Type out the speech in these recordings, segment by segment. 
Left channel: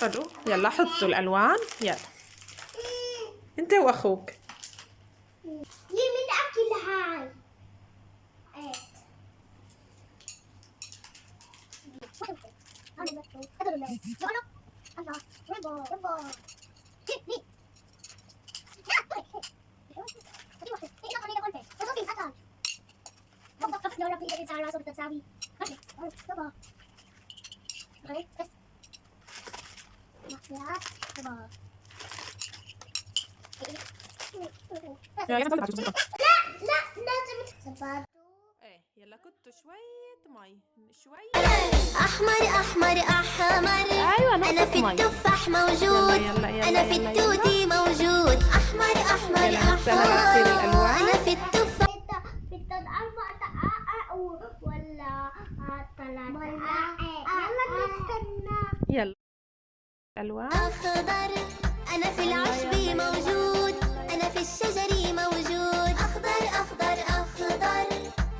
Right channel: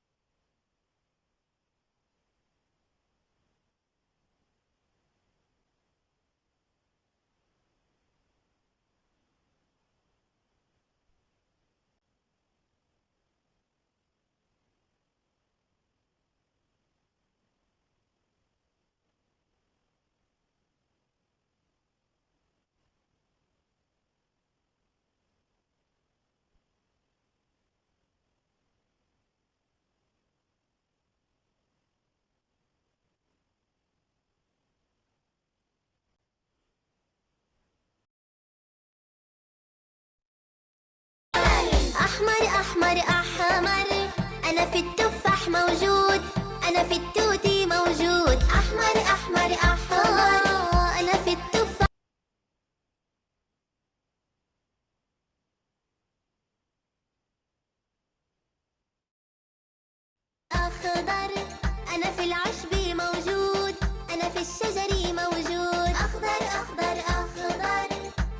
حلو، يلا حطوا الألوان. يلا انت واخوك. من اكل هاي لا لازم لازم ايه يلا كتوا شوية مي شوية. أحمر أحمر أحمر، أنا في التفاح موجود، أنا في التوتي موجود. أحمر أحمر أحمر، أنا في التفاح. بدك 4 دقائق ولا 3 دقائق؟ يلا نستنى. يلا الألوان. أخضر، أنا في العشب موجود، أنا في الشجر موجود. أخضر أخضر أخضر،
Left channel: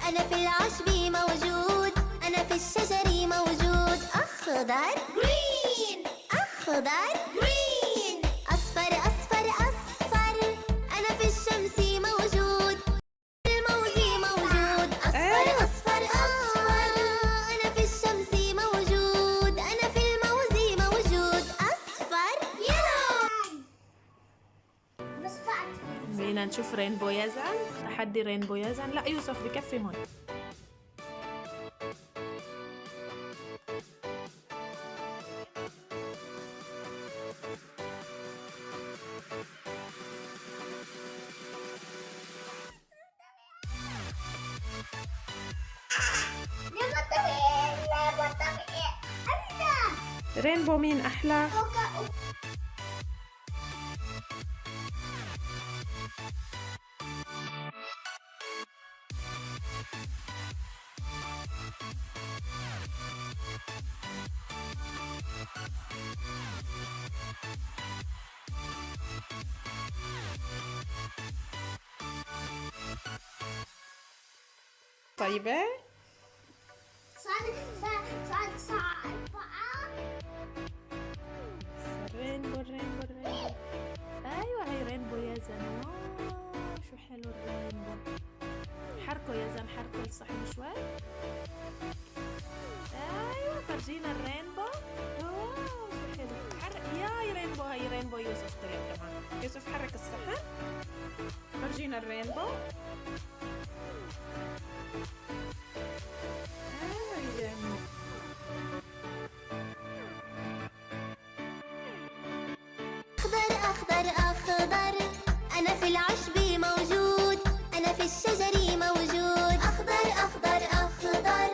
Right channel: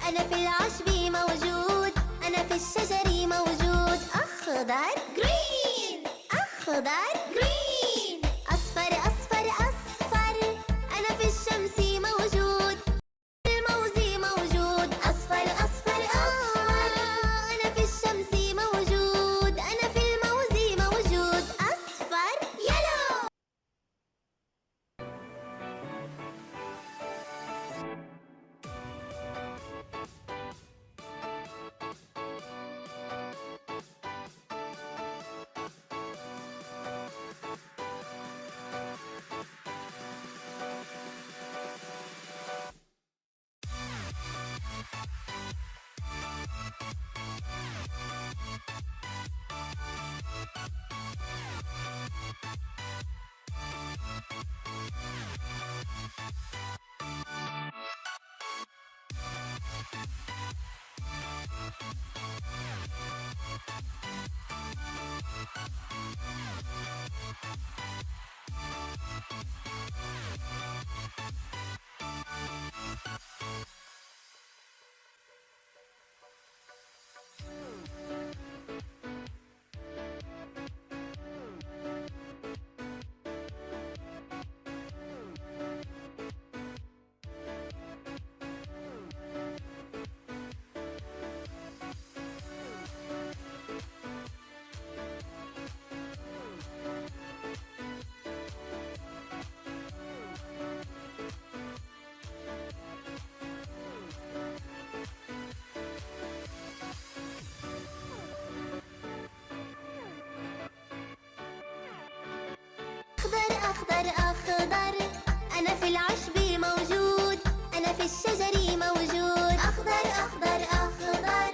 أنا في العشب موجود، أنا في الشجر موجود. أخضر green، أخضر green. أصفر أصفر أصفر، أنا في الشمس موجود، الموز موجود. أصفر أصفر أصفر، أنا في الشمس موجود، أنا في الموز موجود. أصفر يلو. بس بعد بدنا نشوف رينبو يزن. تحدي رينبو يزن. لا يوسف بكفي هون. رينبو مين أحلى؟ طيبة؟ رينبو رينبو رينبو. أيوة هي رينبو يزن. شو حلو الرينبو. حركوا يزن، حركوا الصحن شوي. أيوة فرجينا الرينبو. شو حلو. ياي رينبو. هاي رينبو يوسف طلع كمان. يوسف حرك الصحن. فرجينا الرينبو. أخضر أخضر أخضر، أنا في العشب موجود، أنا في الشجر موجود. أخضر أخضر أخضر.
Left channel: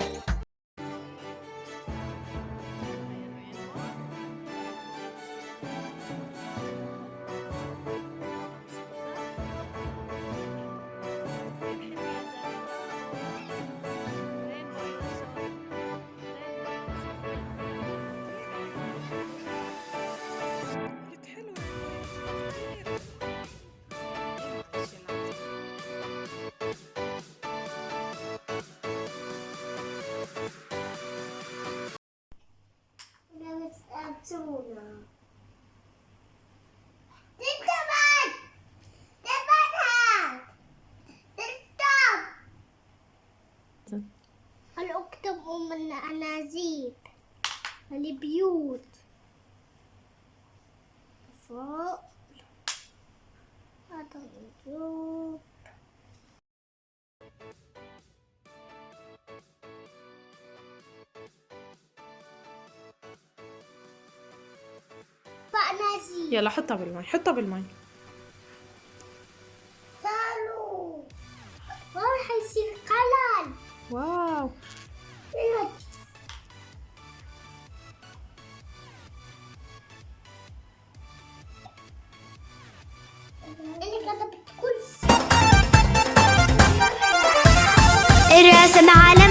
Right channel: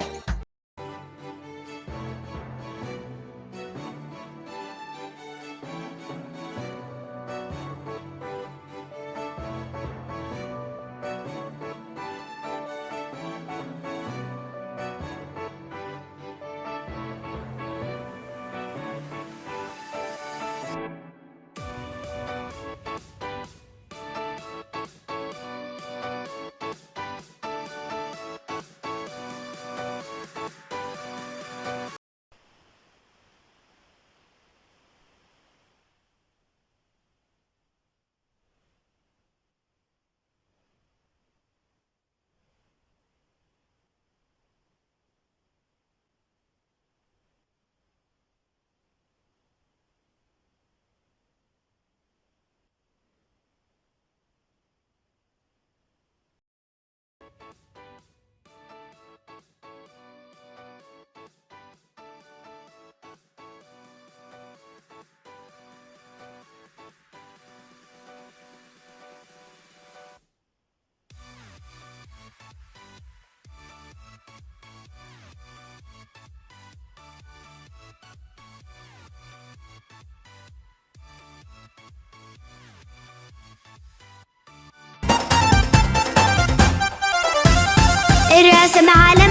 الأكتب من الأنازيب، البيوت فوق هذا النجوم. فأنازيب. يلا حطها بالمي، حطها بالمي. تعالوا راح يصير قلال. واو. الرسم على